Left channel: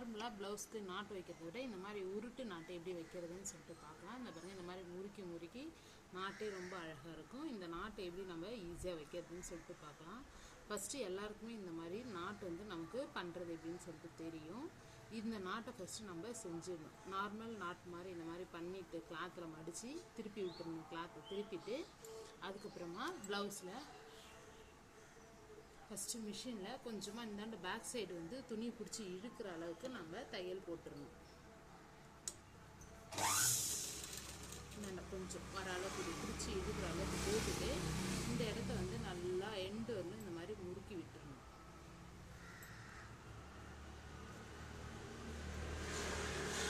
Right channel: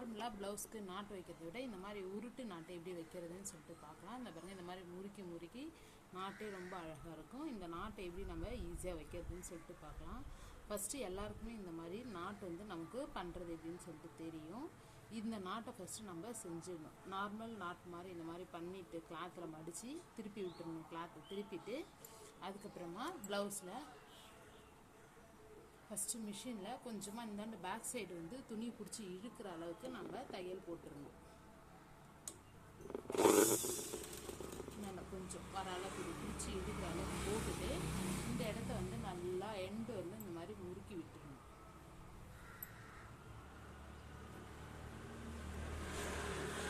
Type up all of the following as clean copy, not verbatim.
நார்மலாக ப்ளவுஸ்க்கு நாட்டு வைக்கிறத விட இந்த மாதிரி உருட்டு நாட்டு எப்படி வைக்கிறதுன்னு சொல்லிட்டு பார்க்கலாம். இந்த பாருங்கள், இந்த மாதிரி முறுக்கி முறுக்கி நாட்டே ரொம்ப அழகாக இருக்கும். இந்த நாட்டை எப்படி நம்ம ஈஸியாக வைக்கிறதுன்னு சொல்லிட்டு பார்க்கலாம். ஃபஸ்ட்டு எல்லாருக்குமே இந்த மாதிரி நாட்டு வந்து நமக்கு பண்ணுறது எப்படின்னு சொல்லிட்டு தெரியும். இந்த நாட்டை ஃபஸ்ட்டு நம்ம செஞ்சிடணும். நார்மல் நாட்டு மாதிரி இந்த மாதிரி பண்ணிவிட்டு கிளாத்தில் மடித்து திருப்பி விட்டுருணும். கிளாத்தை திருப்பிட்டு அதுக்கப்புறமா ப்ளவுஸில் ஃபஸ்ட்டு மிஷினில் கொஞ்சமாக இந்தாண்டு பேக் சைடு வந்து துணி பிடிச்சி இழுக்கிற அளவுக்கு நம்ம தையல் போட்டுடணும். இந்தாண்ட கொஞ்சம் வர அளவுக்கு பிடிச்சி இழுக்கிற அளவுக்கு போட்டுட்டு இந்த இடத்த வந்து நல்லா எண்டு வந்து இந்த மாதிரி முறுக்கி விட்டுடணும்.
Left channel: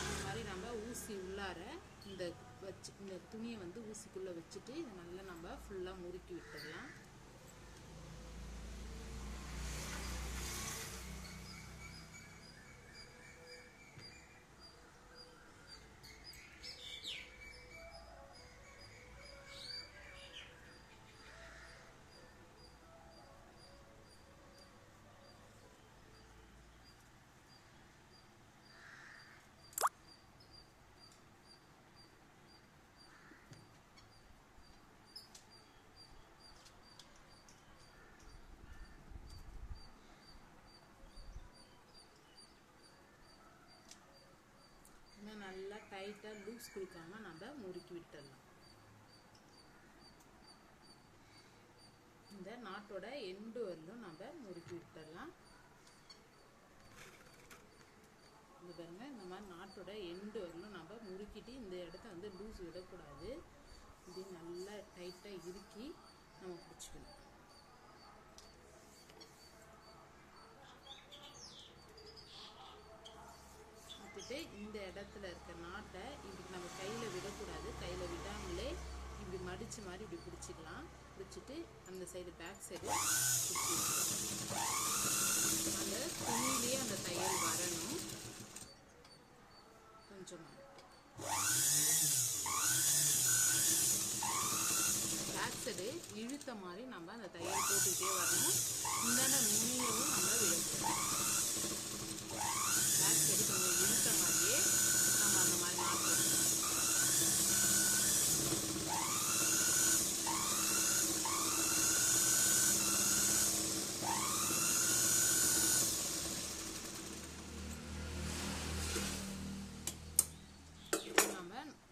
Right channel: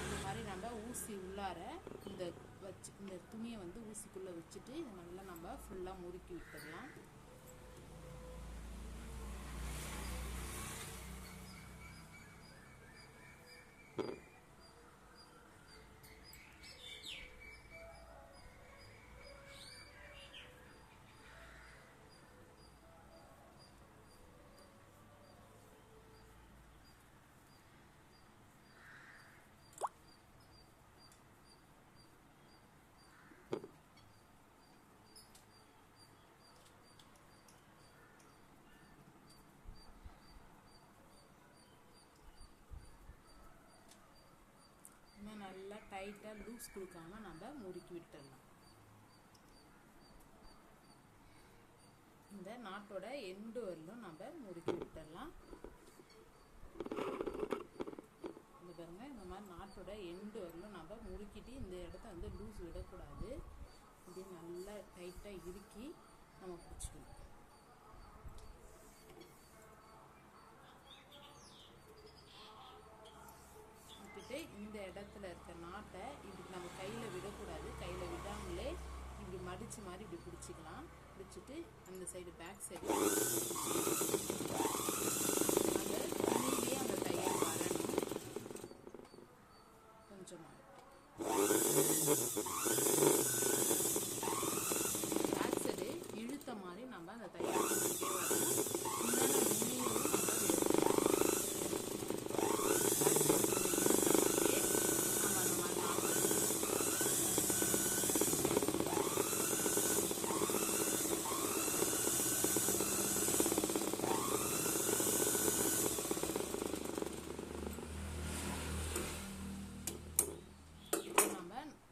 இந்த மாதிரி நம்ம ஊசி உள்ளார இந்த துணியை வந்து ஊசிக்குள்ளே வச்சுட்டு இதை நல்லா நம்ம ஃபுல்லாக முறுக்கி விட்டுடலாம். இன்னும் நல்லா டைட்டாக லூஸ் கொடுக்காம நம்ம முறுக்கி விட்டுடலாம். இந்த நாட்டோட எண்டு வரலும் நம்ம முறுக்கி விட்டுடலாம். இது பாருங்க, இந்த மாதிரி நாட்டோட எண்டு வரலும் நம்ம முறுக்கிட்டு இந்த இடத்த வந்து லூஸ் விடக்கூடாது. இப்படி நல்லா டைட்டாக இறுக்கி நம்ம பிடிச்சிக்கணும். இந்த இடத்துல இருக்க நாட்டை இப்படி நம்ம கையில் விடக்கூடாது. கையில் விடாமலே இப்படி மடித்து மாதிரி இப்படி பிடிச்சிக்கலாம். பிடிச்சிட்டு அந்த சைடு பேக் சைடு அந்த துணியிலேயே அந்த தையல் வரணும். கொஞ்சமாக பேக் சைடு இழுத்த மாதிரி நம்ம அந்த தையல் தூக்கிட்டே வரணும். இந்த நுனியும் நம்ம விடணும்.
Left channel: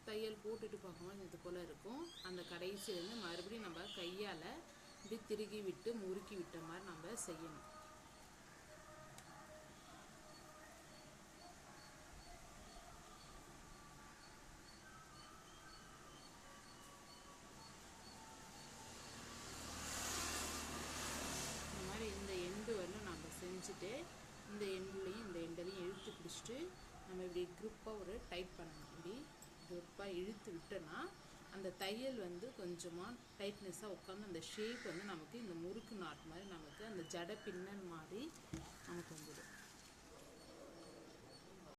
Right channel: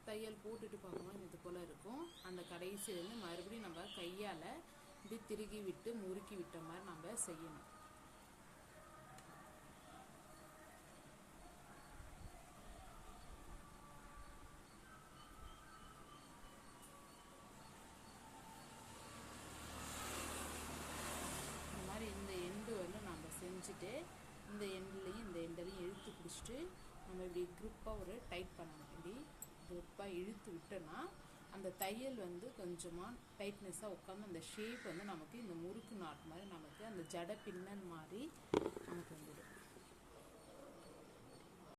தையல் போட்டுட்டு பார்க்கும்போது இது போல் இருக்கும். அந்த கடைசி வந்து மறுபடியும் நம்ம கையால் இப்படி திருகி விட்டு முறுக்கி விட்ட மாதிரி நம்ம செய்யணும். இந்த மாதிரி இந்த எண்டு வந்து நம்ம செஞ்சுட்டு இந்த எண்டுலையும் இந்த எண்டையும் இழுத்து பிடிச்சிட்டு நம்ம இப்படி குரூப்பாக ஒரு டைட் பண்ணணும். இப்படி குரூப்பாக இழுத்து விட்டோன்னா அந்த தையல் வந்து கொஞ்சமாக டைட்னஸாக உட்காந்து அந்த ஷேப் வந்து நமக்கு இந்த முறுக்கு நாட்டு மாதிரி நமக்கு அந்த ஜடை பின்னல் மாதிரி நமக்கு வந்துடும்.